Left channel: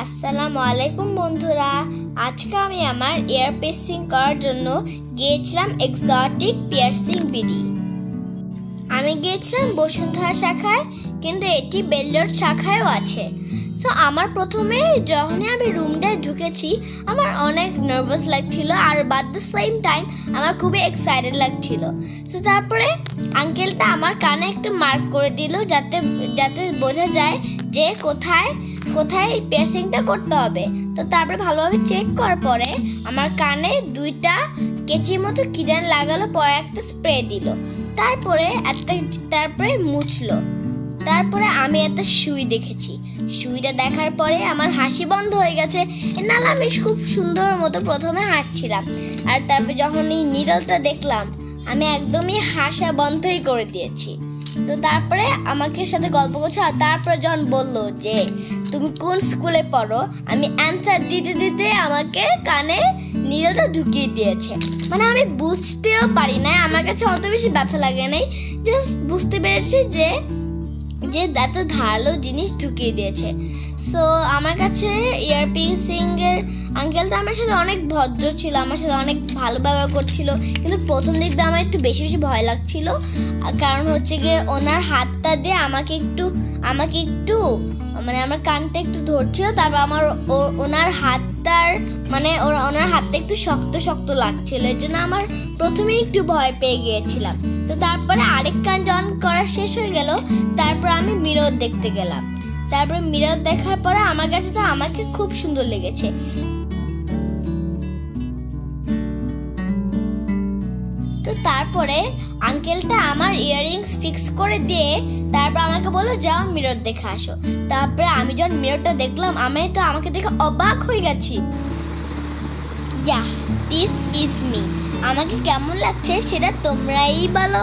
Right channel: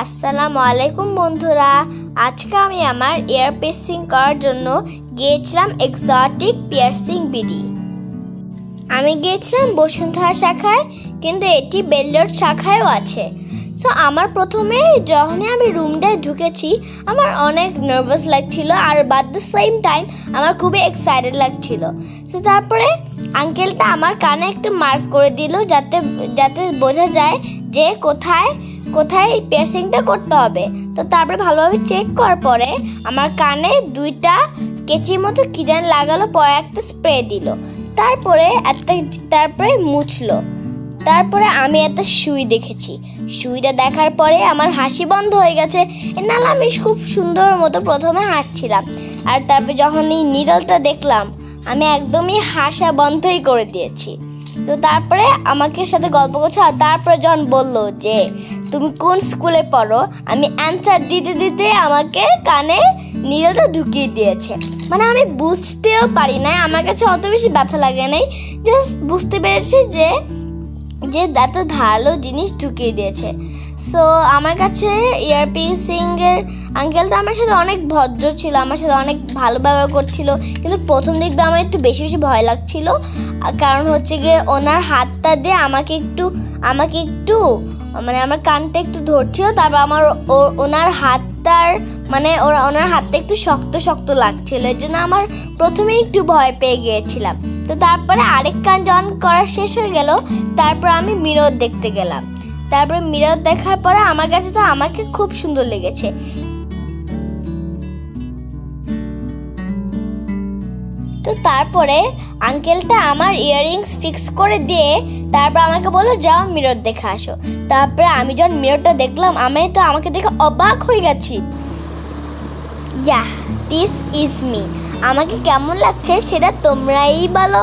আসসালামু আলাইকুম বন্ধুরা, আজকে আমি আমার ইয়ার পিয়ার্সিং করার জন্য গিয়েছিলাম এক্সোটিক পিয়ার্সিং বিডি। আমি গিয়েছিলাম বসুন্ধরা শাখায়, কিন্তু এটি বেলডোর শাখায়ও আছে। সো আমার প্রথমে যখনই আমি রুমটায় ঢুকেছি আমার অনেক নার্ভাস লাগছিল, আর বাট দ্য সেম টাইম আমার খুবই এক্সাইটেড লাগছিল। সো তারপরে আঙ্কেলটা আমার কানে একটা মার্ক করে দিল, যাতে বোঝা যায় যে কোথায় কোথায় পিয়ার্সিংটা করতে হবে। তো তারপরে ভালোভাবে চেক করার পরে আমার কানে দুইটা কেচির মতো কি যেন লাগালো, পরে একটা স্প্রে দিল, তারপরে মুছলো। তারপরে আমি একটা সুই দেখেছি। সুইটা দেখার পরে আমার হাসি বন্ধ হয়ে গেছে। নাহলে আমি খুব সুন্দর মতো প্রথমে হাসছিলাম, আর তারপরে যখন এই নিডলটা দেখলাম আমি একদমই হাসা বন্ধই করে দিয়েছি। তো তারপরে আমাকে সাথে গল্প করছে, আর তারপরে যখন বললো যে তুমি কোন স্কুলে পড়ো, আমি অ্যান্সার দিতে দিতে আমাকে কানে নিডলটা ঢুকিয়ে দিয়েছে। মানে আমি বুঝতেও পারি না, আমার কাছে অত বেশি ব্যথা লাগে নাই, জাস্ট বুঝতে পেরেছি যে এত ধারালো জিনিস ঢুকিয়ে দিয়েছে। সো আমার কাছে ইয়ার পিয়ার্সিং এর আঙ্কেলটা আমার সাথে অনেক ভদ্র ছিল, আমার সাথে অনেক ভালো ব্যবহার করছিল, কিন্তু প্রথম দিক দিয়ে আমার একটু বেশি ভয় লাগছিল। কারণ হচ্ছে গিয়ে ওনার হাতটা দিয়ে আমাকে একটু মানে আমার কানটা একটু ধরছিল, তারপর আমার ওনার হাতটা একটু শক্ত শক্ত লাগছিল, এর জন্য আমার প্রথমে একটু ভয় পেয়ে গিয়েছিলাম। তো তারপরে আরেক কান যখন করা শেষ হয়ে গেল, তারপর আমি মিরর দেখতে গেলাম। তারপরে মিরর দেখার পরে আমার কাছে তো আমাকে খুব সুন্দর লেগেছে। তো তারপরে আঙ্কেলটা আমার ইয়াররিংস ফিক্স করে দিয়ে তারপর আমাকে বললো যাও মিরর দেখে আসো। তারপরে আমি যখন মিররটা দেখলাম আমাকে দেখে অবাক হয়ে গেছি। This is me. আমাকে কেমন লাগছে সেটা তোমরাই বলো।